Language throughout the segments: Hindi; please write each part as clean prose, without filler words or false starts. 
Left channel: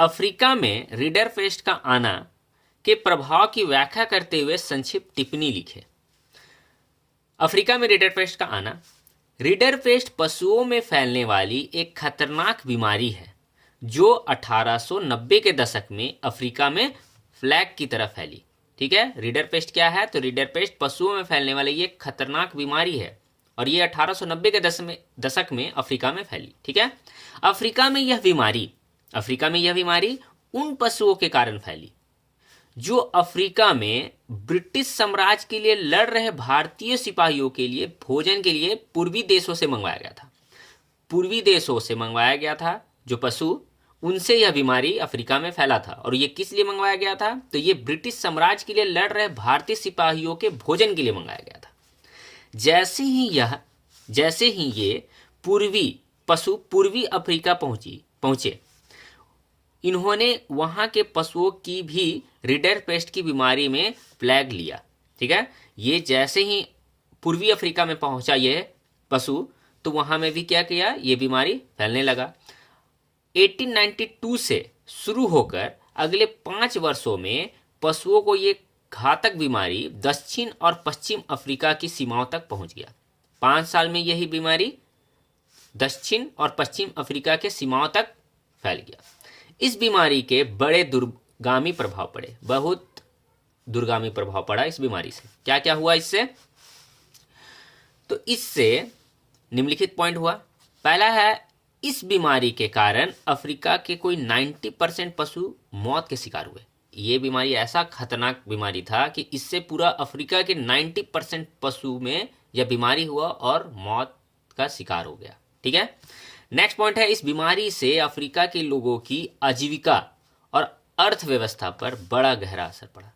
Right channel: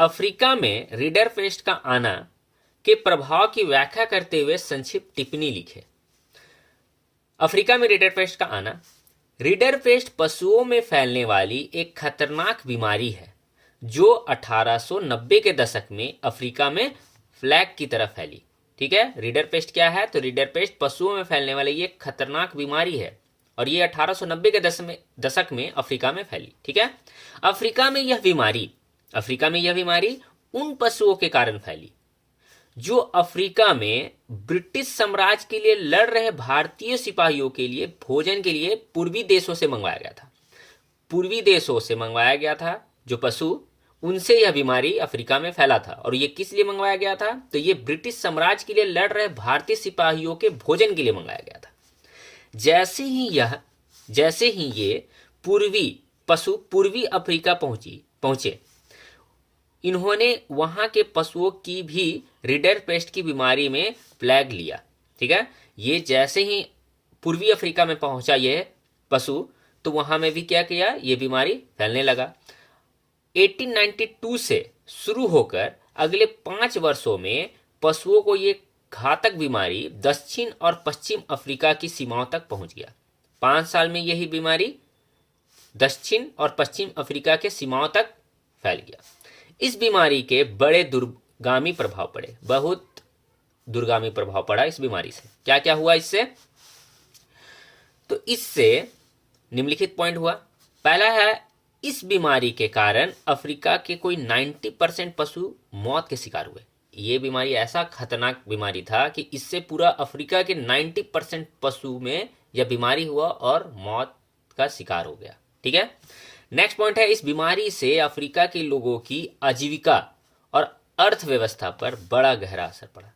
अफ्रीका में रिडरपेस्ट का आना के प्रभाव की व्याख्या करते हुए संक्षिप्त टिप्पणी लिखे। अफ्रीका में रिडरपेस्ट का आना। रिडरपेस्ट पशुओं में फैलने वाली एक खतरनाक बीमारी है जो 1890 के दशक में अफ्रीका में फ्लैग की तरह फैली। ठीक है, रिडरपेस्ट क्या है? तो रिडरपेस्ट पशुओं में फैलने वाली ये खतरनाक बीमारी है और ये 1890 के दशक में अफ्रीका में फैली। ठीक है, अफ्रीका में यह बीमारी उन पशुओं के कारण फैली जो अफ्रीका में ब्रिटिश साम्राज्य के लिए लड़ रहे भारतीय सिपाहियों के लिए भोजन के लिए पूर्वी देशों से मंगवाया गया था। जो पशु, उनसे यह बीमारी अफ्रीका में फैला था। और ये किस लिए मंगवाया गया था? तो ये ब्रिटिश साम्राज्य के लिए लड़ रहे भारतीय सिपाहियों के भोजन के लिए मंगाया गया था। जैसे ही ये पशु पूर्वी अफ्रीका पहुंचे, इन्होंने वहां के पशुओं की भी रिडरपेस्ट की बीमारी में फ्लैग लिया। ठीक है, ये जैसे ही पूर्वी अफ्रीका में पहुंचा ये पशु, तो वहां में भी क्या किया? ये बीमारी फैलने लगा। 1892 से शुरू होकर अगले 5 वर्षों में पशुओं को ये घातक बीमारी दक्षिण और पश्चिम अफ्रीका की सीमाओं तक पहुंच गया। 5 साल में यही बीमारी दक्षिण और पश्चिम अफ्रीका के सीमाओं तक फैल गया। इस बीमारी के बड़े दुर्गामी प्रभाव पड़े, बहुत दुर्गामी प्रभाव पड़ा इस बीमारी से। क्या क्या हुआ इससे? तो इससे निम्नलिखित पॉइंट हुआ। पहला है, इस बीमारी के कारण अफ्रीका के कोई 90% पशु मौत के शिकार हुए। ये बीमारी ऐसा खतरनाक बीमारी था कि इससे पूरा अफ्रीका के 90% पशु में यह बीमारी हुआ और मौत का शिकार हो गया। ठीक है, नेक्स्ट पॉइंट है, इस बीमारी से अफ्रीका के लोगों की आजीविका और अर्थव्यवस्था पर बड़ा गहरा असर पड़ा।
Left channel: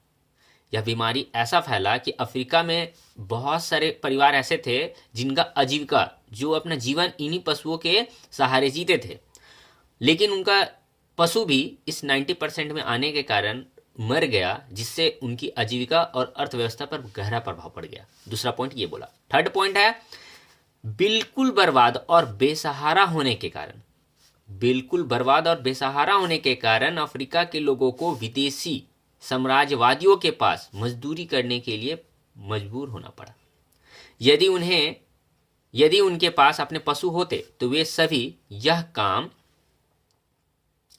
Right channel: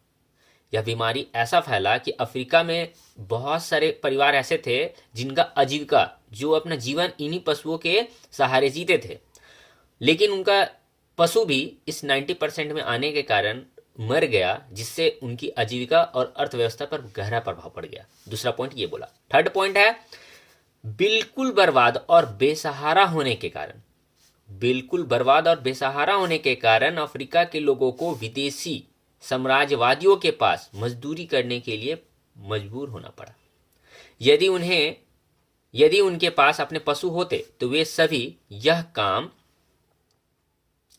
यह बीमारी ऐसा फैला कि अफ्रीका में बहुत सारे परिवार ऐसे थे जिनका आजीविका, जो अपना जीवन इन्हीं पशुओं के सहारे जीते थे, लेकिन उनका पशु भी इस 90% में आने के कारण मर गया, जिससे उनकी आजीविका और अर्थव्यवस्था पर गहरा प्रभाव पड़ गया। दूसरा पॉइंट ये बोला। थर्ड पॉइंट है, बिल्कुल बर्बाद और बेसहारा होने के कारण अफ्रीका के लोगों को विदेशी साम्राज्यवादियों के पास मजदूरी करने के लिए मजबूर होना पड़ा। यदि उनके पास अपने पशु होते तो वे सभी यह काम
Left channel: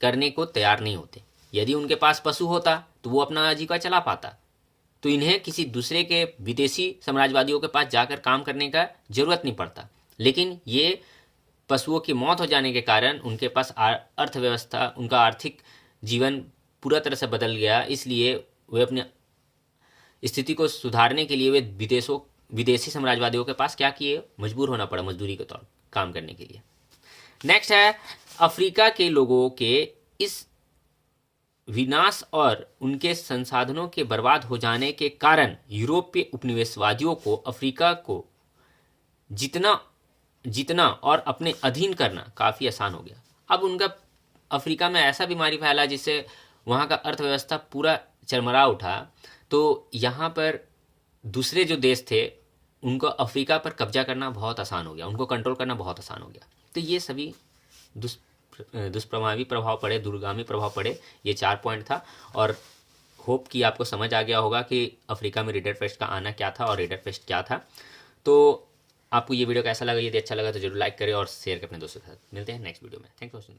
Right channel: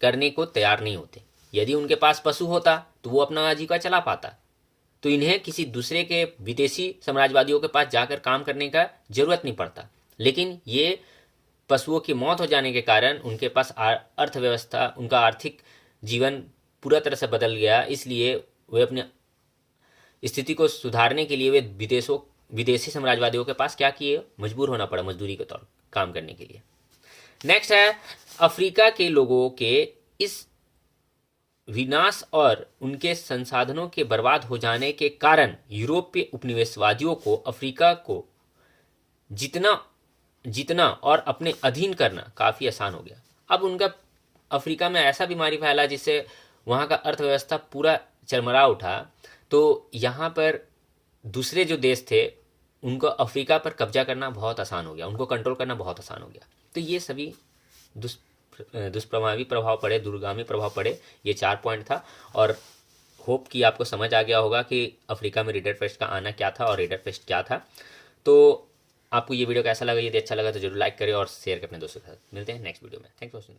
करने को तैयार नहीं होते। यदि उनके पास पशु होता तो वो अपना आजीविका चला पाता, तो इन्हें किसी दूसरे के विदेशी साम्राज्यवादियों के पास जाकर काम करने का जरूरत नहीं पड़ता। लेकिन ये पशुओं की मौत हो जाने के कारण उनके पास अर्थव्यवस्था, उनका आर्थिक जीवन पूरा तरह से बदल गया। इसलिए वे अपनी स्थिति को सुधारने के लिए वे विदेशी साम्राज्यवादियों के पास क्या किए? मजबूर होना पड़ा मजदूरी के तौर काम करने के लिए। नेक्स्ट है, अफ्रीका के लोगों के इस विनाश और उनके संसाधनों के बर्बाद हो जाने के कारण यूरोपीय उपनिवेशवादियों को अफ्रीका को जीतना और अपने अधीन करना काफी आसान हो गया। अब उनका अफ्रीका में ऐसा बीमारी फैला जिससे वहां का अर्थव्यवस्था पूरा चरमरा उठा। तो यहाँ पर दूसरे जो देश थे उनको अफ्रीका पर कब्जा करना बहुत आसान हो गया, उनको कंट्रोल करना बहुत आसान हो गया। तो ये सभी दुष्प्रभावी प्रभाव पड़े, दूरगामी प्रभाव पड़े। ये 4 पॉइंट था और होप कि आपको समझ आ गया होगा कि अफ्रीका में रिडरपेस्ट का आना क्या था और रिडरपेस्ट क्या था। तो आपको ये वीडियो कैसा लगा? यदि अच्छा लगा तो जरूर लाइक करें और शेयर करें अपने दोस्तों के साथ। मिलते हैं नेक्स्ट वीडियो में। Thanks for watching.